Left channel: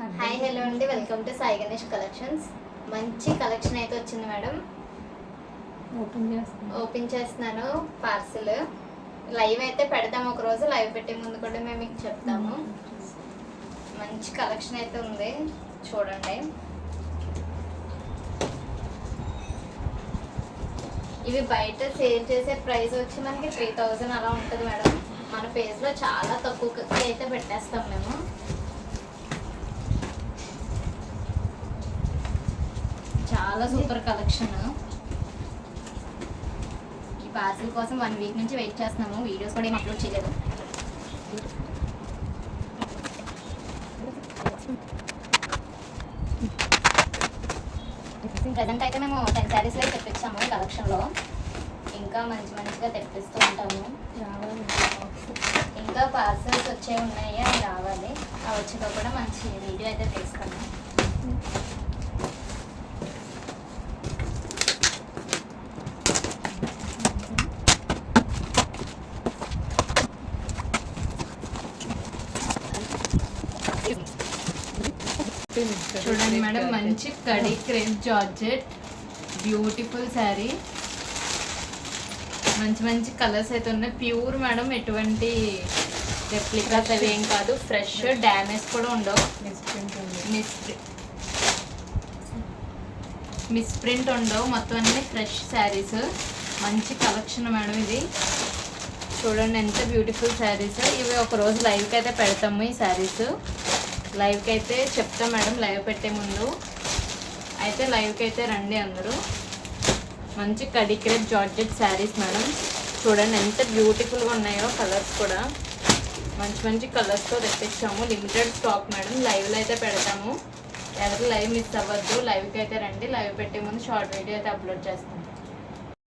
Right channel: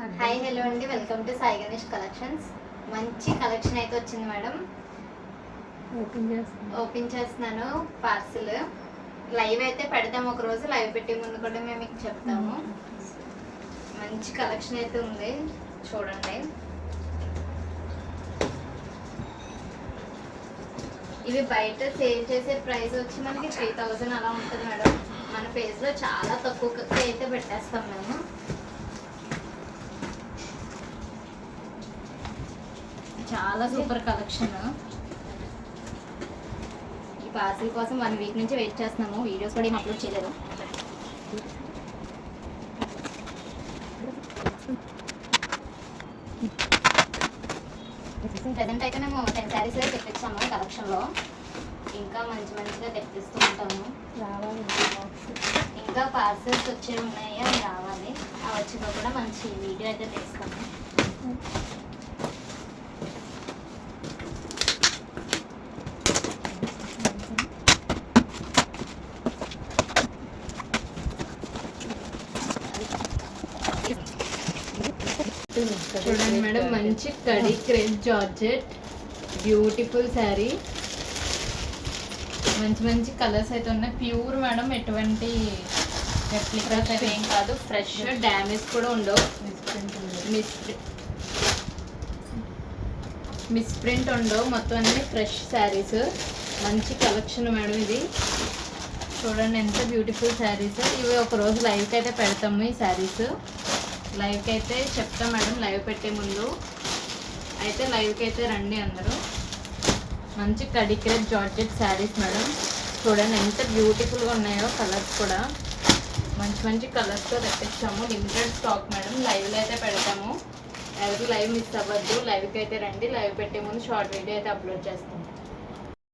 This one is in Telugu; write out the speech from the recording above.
హాయ్ హలో అండి, welcome to Sai Ganesh collections. మంచి కలెక్షన్ అయితే వచ్చింది మేడం. ఓపెన్ చేస్తున్నాను పార్సిల్. లైవ్ అయితే పెడతాము, ఒక రోజు లైవ్ పెట్టే ముందు కూడా మేము మీకు చెప్తాము. మంచి కలెక్షన్ అయితే ఉంది, చూడండి. ఇవి బయట సేల్ చేసే ప్రైస్ వచ్చి మనకి 3000 అలా ఉంటుంది మేడం. మన పేజ్లో చాలా తక్కువ అయితే పెట్టేస్తాం మేము. చాలా సూపర్ కలెక్షన్. ఈ పార్సిల్ కోసం 1 వీక్ నుంచి వెయిట్ చేస్తున్నాము. వీడియోస్ కూడా ఏం అప్లోడ్ చేయలేదు. ప్రజెంట్ అయితే మేము 10 శారీస్ అయితే తెప్పించాము కలెక్షన్లో. ఇంకా మంచిగా తెప్పిస్తూ ఉంటాము. ఇంకా పార్సల్స్ వచ్చే ఉన్నాయి, అవి రావాలి. అవి వచ్చినా కూడా మంచి వీడియో అయితే తెస్తాము. చూడండి మేడం, మంచి కడి క్రేప్ జార్జెట్ బ్యూటిఫుల్ శారీ. మంచి కలర్స్ అయితే ఉన్నాయి. ప్యూర్ మేడం, ఎటువంటి రెప్లికాస్ అయితే ఏం కాదు. ఫ్రెష్, డ్యామేజ్ కూడా ఉండవు. మిస్ ప్రింట్ ఉండవు. మొత్తం అన్ని ఫ్రెష్ శారీస్. మంచి కలెక్షన్ మేడం ఇది. చూడండి ఎంత బ్యూటిఫుల్ శారీస్. ఇవి ఒక రోజు లైవ్కి అయితే పెడతాము. ఈ శారీస్ లైవ్కి అయితే చెప్తాం మేడం, లైవ్ పెట్టే ముందు అయితే. లైవ్కి అయితే రండి అందరూ. మంచి కడి క్రేప్ జార్జెట్ శారీస్ మేడం. చూడండి ఎంత బ్యూటిఫుల్గా ఉన్నాయో. కలర్స్ కూడా మంచి కలర్స్తో తెప్పించాము. Limited stock madam. లైవ్లో అయితే పెడతాము. ఎవరు లైవ్ మిస్ అవ్వద్దు. లైవ్కి అయితే రండి. లైవ్ పెట్టే ముందు షార్ట్ వీడియో అయితే అప్లోడ్ చేస్తాము.